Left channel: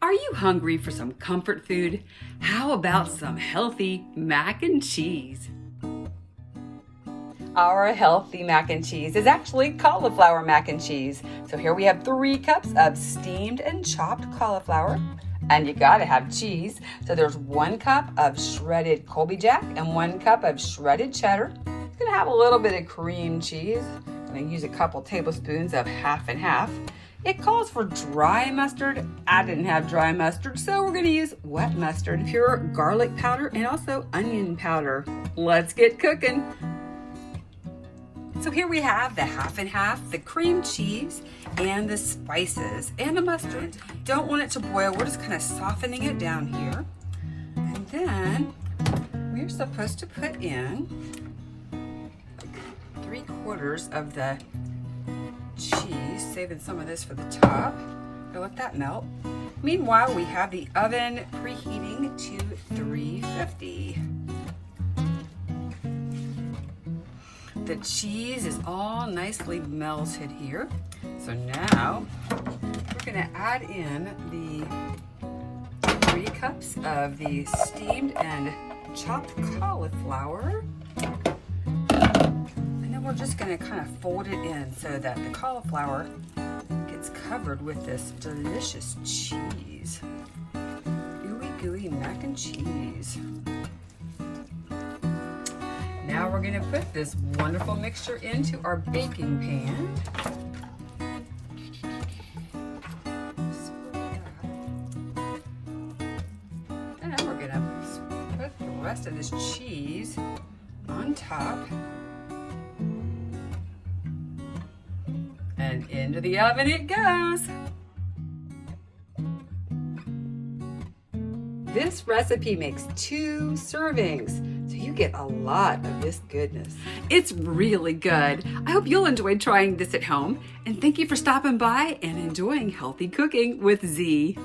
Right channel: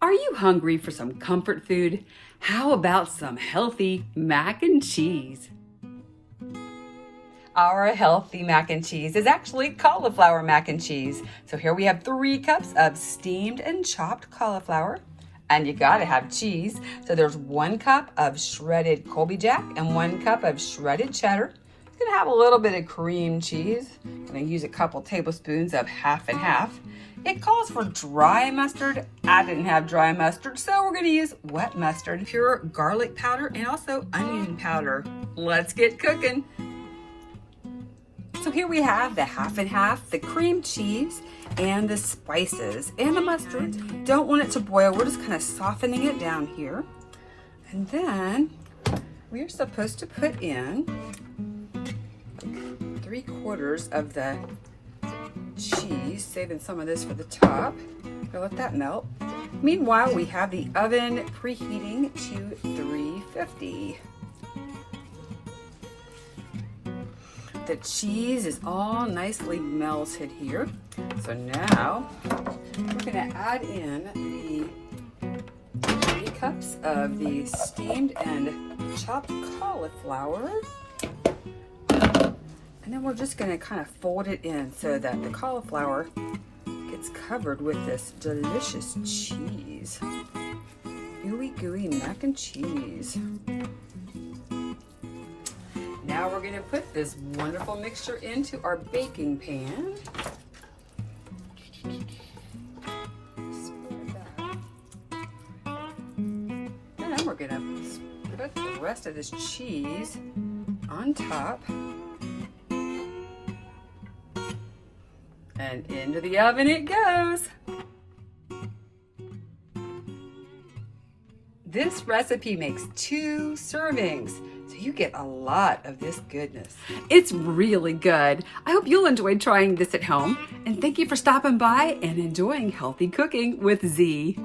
Are you hungry for some comfort food? How about some healthy mac and cheese? Our healthy mac and cheese is actually cauliflower mac and cheese. So here we have 3 cups of steamed and chopped cauliflower. And you gotta have cheese. So there's 1 cup of shredded Colby Jack and 1 cup of shredded cheddar. It's gonna have a little bit of cream cheese. I'm gonna use a couple tablespoons of half and half. It calls for dry mustard. I didn't have dry mustard, so we're gonna use wet mustard, pure garlic powder, and also onion powder. Let's get cooking. So here we have the half and half, the cream cheese, and the spices, and the mustard. Don't want it to boil. We're just kind of softening it down here. And then we're supposed to put in 3/4 of the cheese, saving some of this for the top. Go let that melt. Meanwhile, we have the oven preheating to 350. The cheese is all nicely melted here. So now we're gonna add in the 3 cups of the steamed and chopped cauliflower. And then we're just gonna kind of fold it in so that the cauliflower gets covered with this delicious cheese. Gooey, gooey mac and cheese. Now we're gonna put this wonderful mixture into our baking pan. And then we're gonna put the rest of this cheese on top. And into the oven it goes. This recipe makes 2 servings, so you get a lot of this goodness. It's really good. I hope you'll enjoy trying this at home, and thank you for stopping by and enjoying healthy cooking with Z.